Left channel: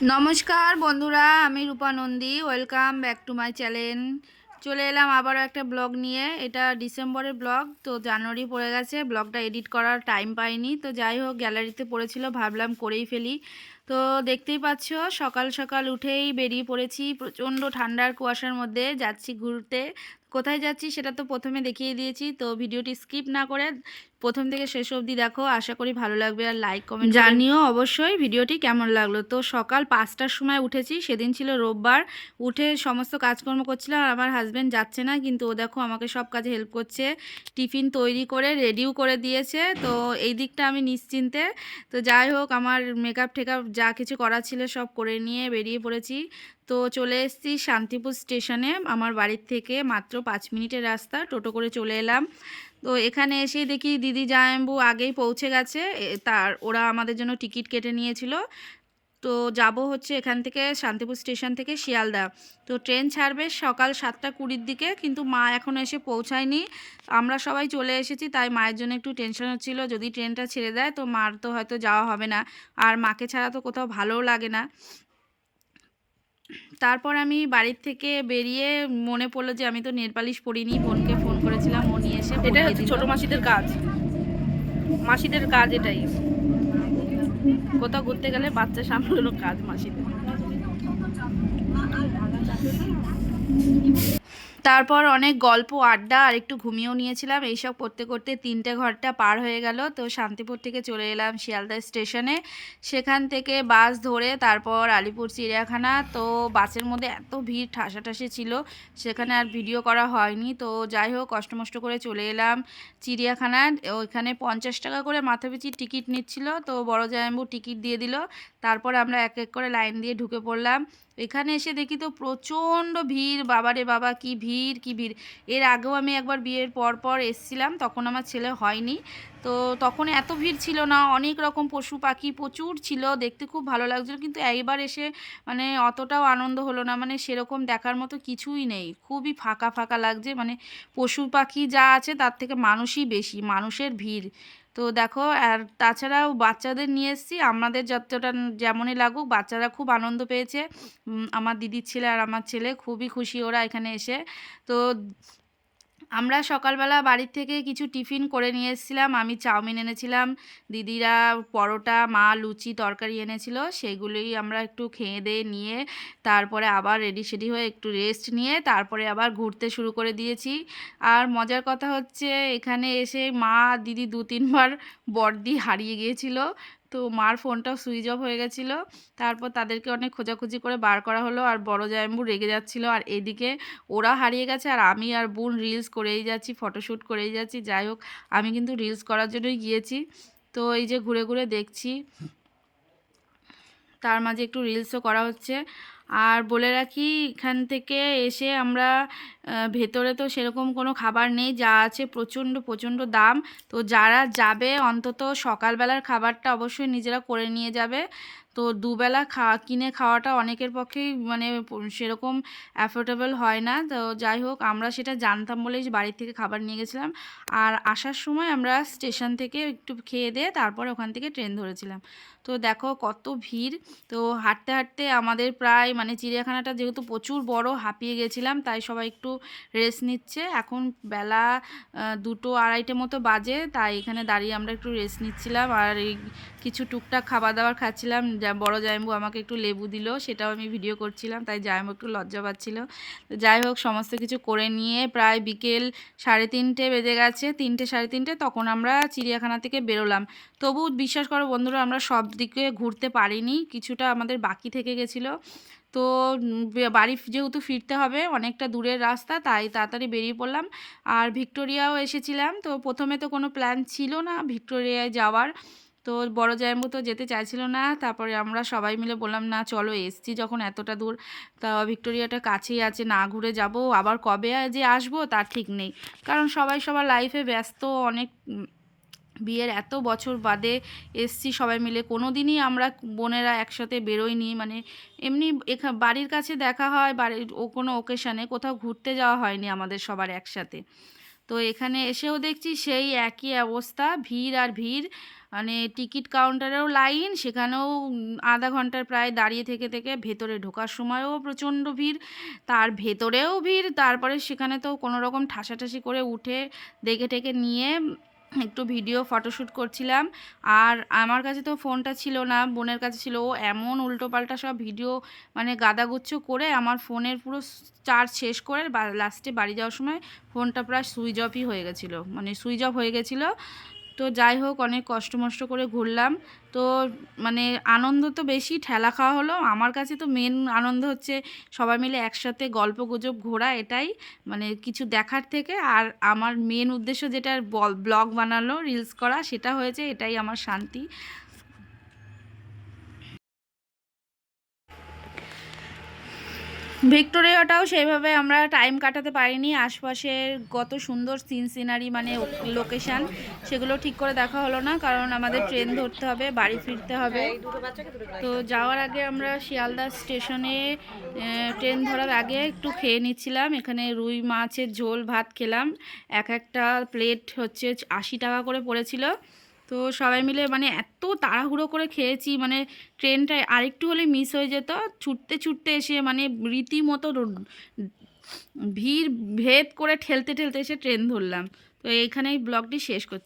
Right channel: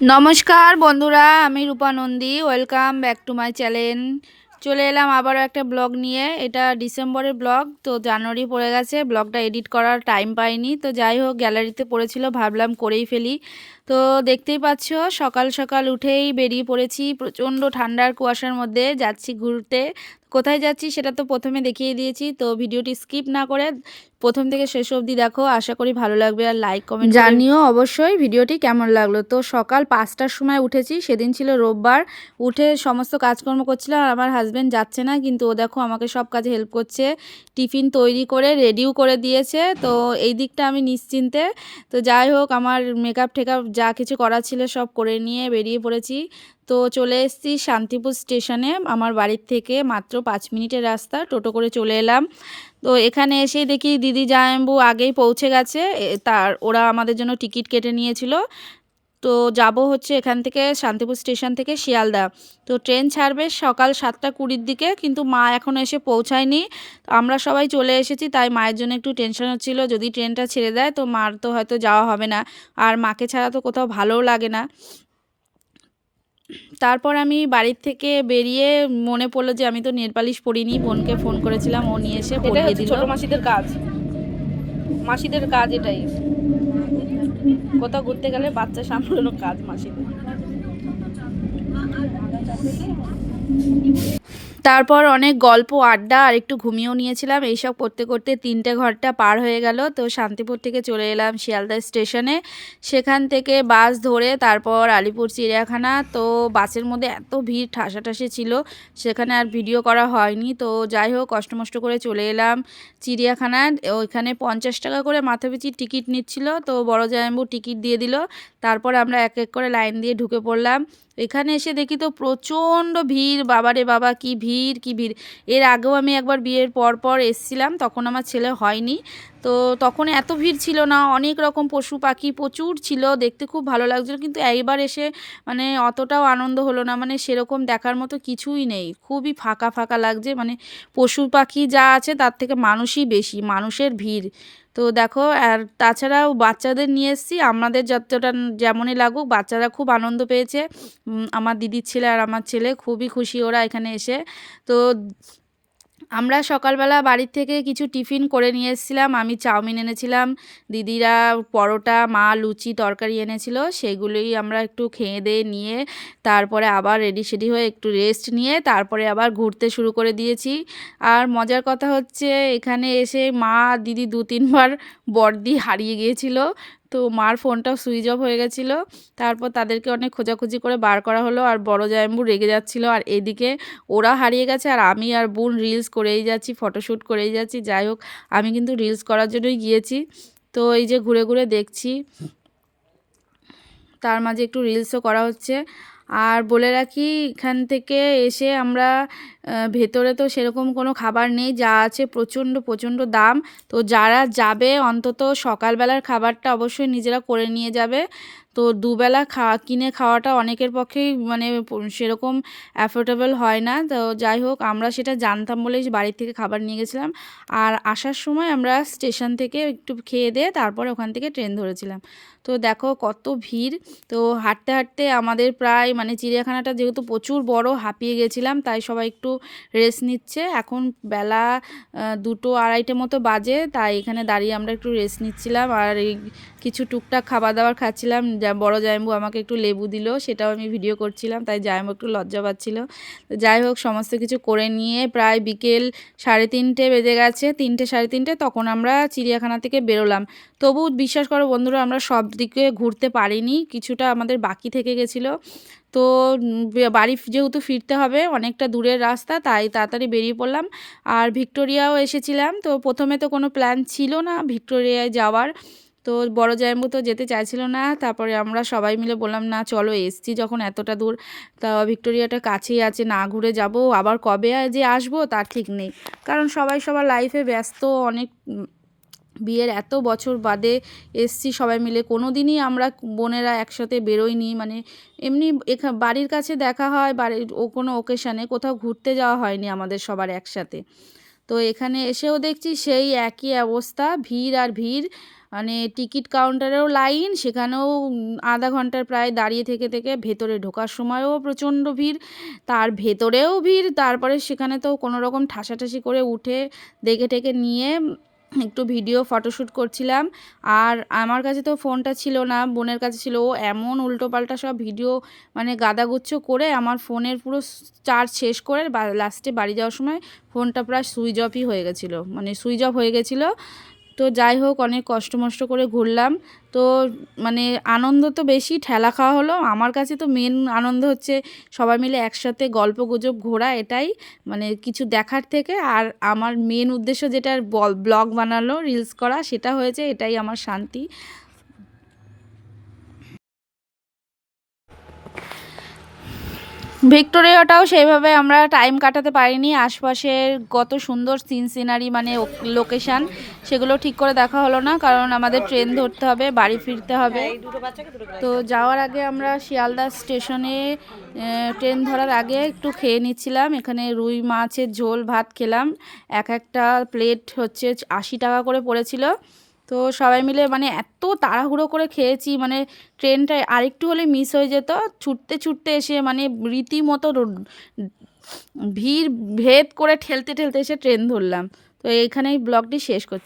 নমস্কার বন্ধুরা, আমি Rupa Nandi. Welcome back to my channel. চলে এলাম আবারও একটা ব্লগ নিয়ে। এটা ডিসেম্বরের ব্লগ, তো জানুয়ারি পড়ে গেছে, ব্লগটা এডিট করার টাইম পাইনি। তো যাই হোক, গ্যালারিতে পড়েছিল, ভাবলাম করেই ফেলি। তো দেখতেই পাচ্ছ, সকাল সকাল উঠেই বেরিয়ে পড়েছি প্রচণ্ড ঠান্ডার কুয়াশার মধ্যে, যাচ্ছি ঘুরতে। কোথায় যাচ্ছি সেটা তো প্রথমে দেখিয়ে দিয়েছি, তো ভিডিওটি স্কিপ না করে প্রথম থেকে শেষ অবধি দেখো, আশা করি ভালো লাগবে। আর লাইক কমেন্ট জানিও অবশ্যই ভিডিওটি কেমন লাগলো। তো সকাল 5টার সময় উঠেছি, সেদিন ছিল রোববার। উঠে সমস্ত কাজকর্ম করছিলাম, আর আমার হাজব্যান্ড যাচ্ছে না, কিন্তু ও দেখো আমাকে সব কাজে হেল্প করছে, টিফিন তৈরি করে রেডিও করে দিয়েছে। তো এই দিকটা আমি নিশ্চিন্তে। তো যাই হোক, আমার মেকআপ টেকআপ যা কিছু করার ছিল সব করে নিয়ে বেরিয়ে পড়েছি। তো চলে এসেছি শান্তিপুর স্টেশনে, আমার বাড়ির থেকে মাত্র 5 মিনিটের রাস্তা, টোটো করে চলে এলাম। তো এখানে এসেই দেখি দিদি জামাইবাবু আগেই পৌঁছে গেছে। ওরা আমাদের জন্য টিকিট কেটে নিয়েছিল। তো যাব হচ্ছে এখান থেকে, শান্তিপুর স্টেশন থেকে শিয়ালদা। তো ট্রেন ছাড়বে সকাল 7টা 20-র দিকে, কিন্তু মা এখনও এসে পৌঁছায়নি। আমরা সবাই চলে এসেছি, তাই মায়ের জন্য একটু টেনশন হচ্ছিল, যদি ট্রেনটা ছেড়ে দেয় তো মার তো হয়তো যাওয়া হবে না। আর মাকে ছাড়া তো কোথাও ভালোও লাগে না। তারপর আমি বাড়ির থেকে বেরিয়ে মনে পড়লো যে আমি তো নেল পালিশ পরিনি, বোনকে ফোন করেছিলাম, ও নিয়ে এসে এটাই পরিয়ে হচ্ছে দিল। ছোট মাসিদের কাজ। মাসিদের কাজ এটাই, কোথাও ঘুরতে গেলে বাচ্চা সামলানোর কাজ মাসিদের। তারপর অনেক গল্প আড্ডা আর একটু ঘুমিয়েও নিয়েছিলাম। এইসব করতে করতে 3টে ঘন্টা পার হয়ে গেল। তো শান্তিপুর থেকে চলে এলাম শিয়ালদা স্টেশনে। সেখান থেকে বাস ধরে তারপর আলিপুর চিড়িয়াখানা। তো বাসের মধ্যে এত ভিড় ঠাসাঠাসি ছিল, সেখানে আর ভিডিও করা হয়নি। তো যাই হোক, কষ্টমষ্ট করে চলে এলাম চিড়িয়াখানায়। ওইখানে 50 টাকা করে মাথাপিছু টিকিট নিচ্ছিল। তো বড় জামাইবাবু টিকিট দিয়ে দিল। তারপর আমরা এক এক করে লাইন দিয়ে ঢুকে পড়লাম। এখানে এসে দেখি তো প্রচণ্ড ভিড়, বাবারে বাবা, কি ভিড় কি ভিড়! এর আগেও আমি একবার বিয়ের পর পর এসছিলাম, তখন আমার ছেলে হয়নি। তো তখন এত ভিড় ছিল না, অনেক রকম পশু পাখি প্রচুর ছিল, দেখতে খুব ভালো লাগছিলো। কিন্তু এইবার এসে মানে অতটাও আনন্দ হলো না, মানে সেরকম দেখার মতো কিছুই নেই, খুবই ফাঁকা ফাঁকা লাগছে। মানে পশু পাখি যা আছে তার থেকে মানুষই বেশি, মানুষের ভিড়। তো দেখো, আর তাছাড়াও বাচ্চাদের নিয়ে এসেছি, আমাদের যতটা যেমনই লাগুক, বাচ্চারা খুব আনন্দ পেয়েছে। আমার দিদির ছেলে আর আমার ছেলে খুবই খুশি ওরা এখানে এসে। তো আমরা সকালবেলা বাড়ির থেকে কিছু টিফিন করে নিয়ে এসেছিলাম। আমি চাউমিন এনেছিলাম, দিদিরা পরোটা, মা লুচি তরকারি এনেছিল, সেগুলোই আমরা একটু খেয়ে দিয়ে নিয়ে তারপরে আবার রেডি সেডি হয়ে একটু রেস্ট নিয়ে তারপরে আবার ঘুরতে শুরু করে দিয়েছি। আর মজার কথা হচ্ছে, এখানে এসে মা দিদি 2-3 বার বড়দি হারিয়ে গিয়েছিল। তো মার ফোনটাও সুইচ অফ হয়ে গেছিলো। তারপর তাদেরকে অনেক খোঁজাখুঁজি করে বার করা হলো, আর বড় জামাইবাবু রেগে যাচ্ছিলো। আর এদিকে ওরা হারিয়ে গেছে, আর আমি আর বোন রিলস করেই যাচ্ছি, ফটোশ্যুট করেই যাচ্ছি। যাই হোক, আমি কিন্তু রিলস করার জন্যই গিয়েছি। তো এই যে ঘুরে ঘুরে দেখছি, তার মাঝে একটু রিলসও করা হচ্ছে। আর বলে রাখি, এখান থেকে এসে আমরা ভেতরে তো সেরকম কোনো খাবার নেই, যা আছে প্রচণ্ড প্রচণ্ড দাম। তো যারা যাবে অন্তত সকালবেলার খাবারটা অবশ্যই নিজেরা করে নিয়ে যাবে। তো দুবেলা কিনে খাওয়াটা অনেকের পক্ষেই মানে সেরকম অ্যাফোর্ডেবল হয় না। তো যাই হোক, আমরা সেটা জানতাম বলেই বাড়ির থেকে খাবার নিয়ে গেছিলাম। আর আসার সময় আমরা স্টেশন থেকে একটু খেয়ে দিয়ে তারপরে ওখান থেকে ট্রেন ধরেছিলাম। তো দেখো কত ভিড়! তো হাঁটতে হাঁটতে আমাদের প্রায় মানে চিড়িয়াখানাটা যেহেতু প্রচুর বড়, হাঁপিয়ে গেছিলাম, তাই সবাই একটু রেস্ট নিচ্ছে। এখন বেলা 2-2-2:30 মতো বাজে, তাই এখানে দাঁড়িয়ে আমরা একটু রেস্ট নিচ্ছিলাম। আর এই কিছু টুকটাক খাবার দাবার খাচ্ছিলাম। বড় জামাইবাবু আমাকে একটু লেবু দিল, সেটাও আমি ভিডিও করছিলাম, তাই জামাইবাবু একটু লজ্জা পাচ্ছিল। তো যাই হোক, সমস্ত কিছু করে নিয়ে প্রায় বিকেল 3:30 বেজে গেছে, 3টে 3:30, তখন আমরা চিড়িয়াখানা থেকে বেরোলাম। তবু বিশ্বাস করো বন্ধুরা, আমরা সব দিকে ঘুরতে পারিনি, কিছুটা আমাদের বাকি থেকে গেছিলো। তো বাড়ি যেহেতু ফিরতে হবে, অনেকটা দূরের রাস্তা, তাই তাড়াতাড়ি বেরিয়ে পড়লাম। আর ভিক্টোরিয়াও এসেছিলাম। তো প্রথমে তো কোনো প্ল্যান ছিল না ভিক্টোরিয়ায় যাওয়ার। তো বড় জামাইবাবু তো যেতে চাইছিল না। তারপরে আমরা সবাই মিলে বললাম, না চলো, এসছি যখন এতটা দূর, তা ভিক্টোরিয়াটা কাছেই আছে, না ঘুরে যাব আবার কবে যে আসবো তার ঠিক নেই। কারণ সবাই সবার লাইফে ব্যস্ত, অনেক বিয়ের এত বছর বাদে এসছি সবাই মিলে, কোনো দিনই আমরা বোনেরা একসাথে বেরোইনি। মানে এমনি বাড়ির কাছে দেখা হয়, বাড়ির কোনো ওকেশানে, কোথাও ঘুরতে যাওয়া হয়নি আমাদের সবার একসাথে। তো এখানে এসেও দেখছি সেই একই অবস্থা, ভিড় আর ভিড়। মানে টিকিট কাউন্টারেও লাইন, সেখানেও আধা ঘন্টার প্রায় দাঁড়িয়ে থেকে থেকে ভেতরে ঢোকার সময়ও প্রচণ্ড ভিড়, তার ভেতরেও ভিড়। তারপরে সেখানে তো কোনো রকম ঠাসাঠাসি করে উঠে দেখে টেকে নিয়ে একটু ভিডিও ফটোশ্যুট করছিলাম। আর আমার কাছে তো ফোনটা ছিল না, বোনের কাছে ছিল। ও এমন উল্টোপাল্টা সব ভিডিও মানে গাদাগুচ্ছ করে আমার ফোনের পুরো চার্জ শেষ করে লাস্টে বাড়ি যাওয়ার সময় ফোনটা প্রায় সুইচ অফই হয়ে গেছিলো, মানে সুইচ অফ হয়ে গেছিলো। তো যাই হোক, অনেক কষ্ট মষ্ট করে ঘুরলাম। তো মানে আনন্দ তো বেশি, ঠেলা খাওয়া হলো। আমার কাছে তো মেন আনন্দ হচ্ছে সবাই মিলে একসাথে গল্প গুজব ঘোরা, এটাই মানে কিছু দেখার থেকে। আর আমার মেন উদ্দেশ্য যেটা ব্লগ বানানো, রিলস করা, সেটা হয়েছে, এটাই আমার শান্তি। ভিক্টোরিয়াটাও সেইভাবে আমরা টাইম কাটাতে পারিনি। আশপাশের কত সুন্দর সিনারি মানে লোকেশান, সেগুলো ঠিক করে দেখা হলো না, কারণ আমাদের ট্রেন ধরতে হবে, বাড়ি ফিরতে হবে। তো যাওয়ার আগে আমরা শিয়ালদা স্টেশনে ট্রেন ধরার আগে একটু খেয়ে নিচ্ছিলাম। এখানে রুই মাছের ঝোল ভাত খেলাম, একটা প্লেট হচ্ছে 80 টাকা করে পড়েছিল। তো সবাই মিলে মানে এত তাড়াহুড়ো করে খেয়েছি, মানে ট্রেনটা আরেকটু হলে মিস হয়ে যেত। ছুটতে ছুটতে এসে মানে রীতিমতো ভিড় ভেদ করে ঠেলতে ঠেলতে এসে ট্রেন ধরলাম। তো এইখানেই ব্লগটি শেষ করছি।